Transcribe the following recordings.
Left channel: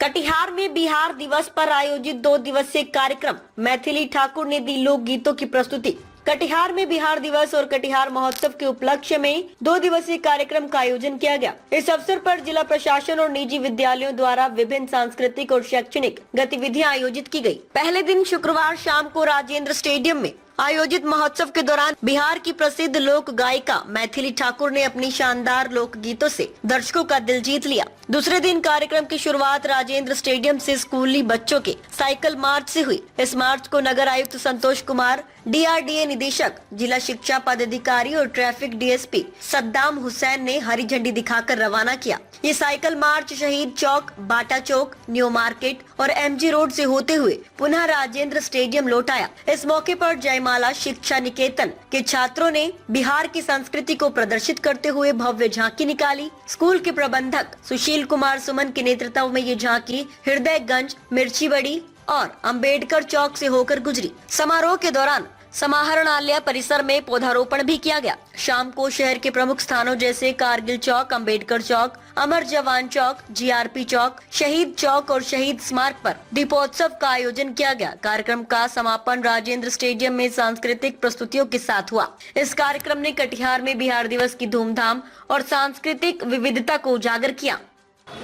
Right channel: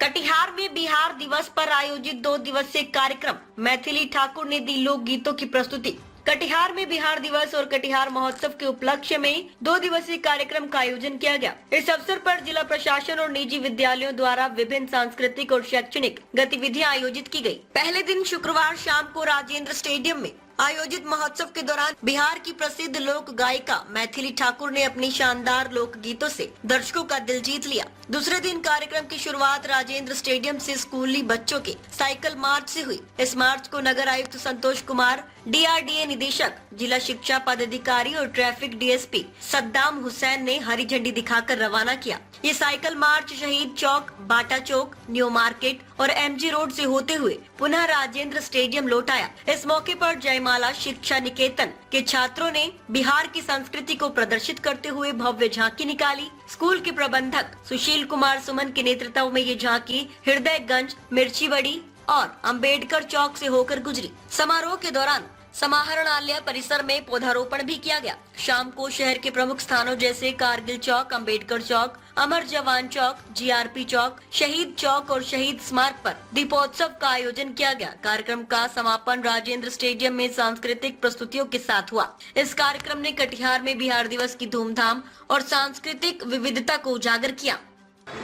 कटिहार में बिहार दिवस पर आयोजित 2 दिवसीय कार्यक्रम मैथिली ठाकुर ने दी लोक गीतों की प्रस्तुति। कटिहार में बिहार दिवस और कटिहार महोत्सव के उपलक्ष्य में 2 दिवसीय कार्यक्रम का आयोजन किया गया। इस अवसर पर जिला प्रशासन और निजी विद्यालयों द्वारा विभिन्न सांस्कृतिक और शैक्षणिक गतिविधियां आयोजित की गयी। पहले दिन शुक्रवार शाम को राजेंद्र स्टेडियम में आयोजित महोत्सव के दौरान बिहार की प्रसिद्ध लोक गायिका मैथिली ठाकुर ने अपनी शानदार लोक गीतों से दर्शकों का दिल जीत लिया। दूसरे दिन कार्यक्रम की शुरुआत राजेंद्र स्टेडियम से स्कूली बच्चों के साइकिल मार्च से हुई। इस मार्च को नगर आयुक्त संतोष कुमार, DRDA निदेशक, जिला शिक्षा पदाधिकारी और ट्रैफिक DSP सद्दाम हुसैन ने हरी झंडी दिखाकर रवाना किया। ये साइकिल मार्च शहीद चौक, बाटा चौक, न्यू मार्केट और MG रोड से होते हुए पुनः राजेंद्र स्टेडियम लौट आया। इस मौके पर जयमाला शिक्षा निकेतन के छात्रों ने बिहार की संस्कृति को प्रदर्शित करते हुए भव्य झांकी निकाली। स्कूल के प्रबंधक सुशील कुमार सुमन के नेतृत्व में ये झांकी हृदयगंज, मिर्चीबड़ी और अंबेडकर चौक से होकर गुजरी। समारोह के दौरान समाहरणालय परिसर में पौधारोपण भी किया गया। शाम को शहर के प्रमुख स्थानों जैसे कारगिल चौक, अंबेडकर चौक, अमर जवान चौक, GRP चौक, शहीद चौक और शहीद स्मारक पर दीपोत्सव का आयोजन किया गया। कार्यक्रम का समापन राजेंद्र स्टेडियम में सांस्कृतिक प्रस्तुतियों के साथ हुआ। इस कार्यक्रम ने कटिहार में बिहार दिवस की धूमधाम और सांस्कृतिक विविधता को उजागर किया।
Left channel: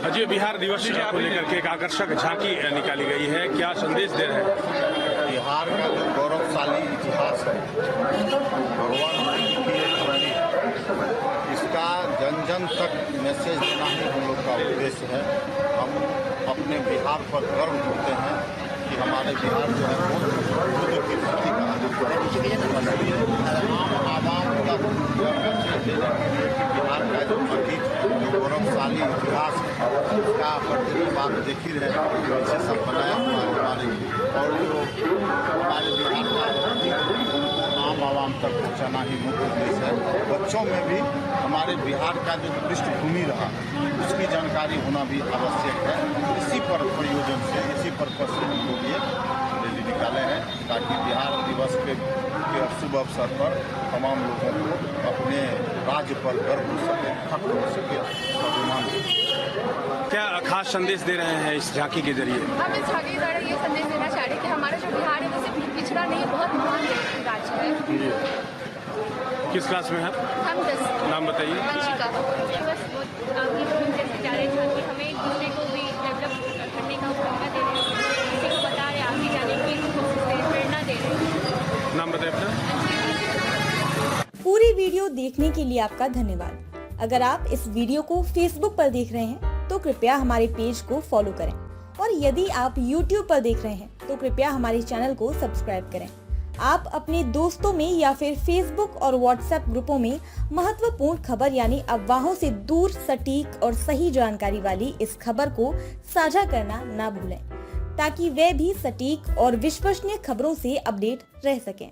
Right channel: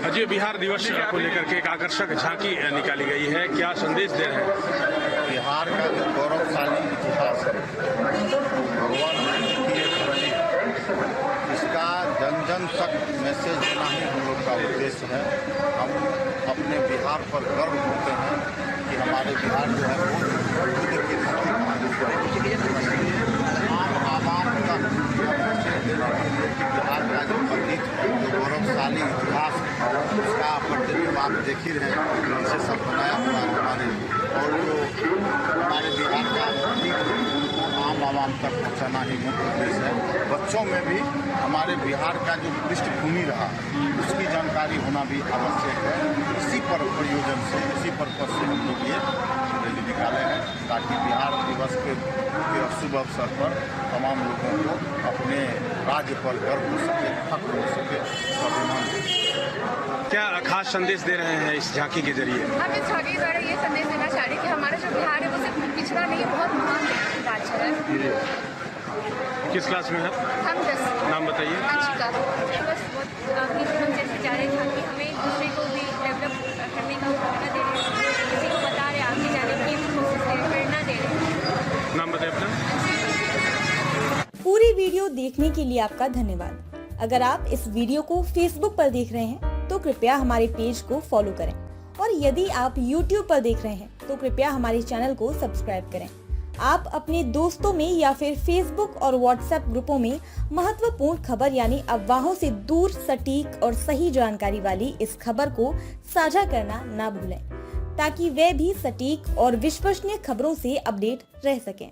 आज बिहार दिवस को लेकर के एक आकर्षक झांकी निकाली गई है, क्या संदेश दे रहे हैं? बिहार का जो गौरवशाली इतिहास है, भगवान इसका जन जन तक मैसेज देना ही हम लोग का उद्देश्य है। हम अपने बिहार पर गर्व करते हैं कि हमारे बिहार जो है बहुत की धरती आम आवाम तक यह मैसेज देना है कि बिहार का जो अतीत, जो गौरवशाली इतिहास है, उसका प्रतिबिंब आप देख ही रहे हैं, इसे सब बनाया हुआ हमारे और जो हमारे बिहार का अतीत उनको आम आवाम तक पहुंचाना ही मुख्य उद्देश्य है। बच्चों में भी हमारे बिहार का जो पृष्ठभूमि रहा उसकी जानकारी होना भी आवश्यक है। इसी पर प्रयोजन से, इसी पर्पज से हम लोग ये रैली निकाले हैं ताकि बिहार दिवस के शुभ अवसर पर तमाम लोगों को अपने राज्य पर गर्व हो सके, फख्र हो सके, स्वाभिमान हो सके। क्या खास संदेश दे रहे हैं इस झांकी के जरिए? हम इस झांकी के द्वारा ये संदेश देना चाह रहे हैं कि हमारा जो बिहार है वो सिर्फ पिछड़ा नहीं, बहुत महान राज्य है। किस क्लास में है? हम 10। नाम बताइए। अंशिका। बस आगे जैसे जा रहे हैं कि हमें एक दूसरे को भी डेवलप करने का मौका दे रहे हैं, किसी को बता रहे आगे जाने की कोशिश करें, प्रेरणा दे रहे हैं। नाम बताइए अपना। पूरी वीडियो देखने के लिए आपका धन्यवाद। अगर आप इस वीडियो को Facebook पर देख रहे हैं तो कृपया हमारे पेज को फॉलो करें और यदि आप YouTube पर देख रहे हैं तो कृपया हमारे चैनल को सब्सक्राइब करें। आप अपने दोस्तों में या फिर Facebook और WhatsApp ग्रुपों में महत्वपूर्ण खबर यानी अफवाहों से दूर सटीक और सही जानकारी वाली इस खबर को साझा करना ना भूलें ताकि वे भी सटीक और विश्वसनीय खबरों से अपडेट रह सकें।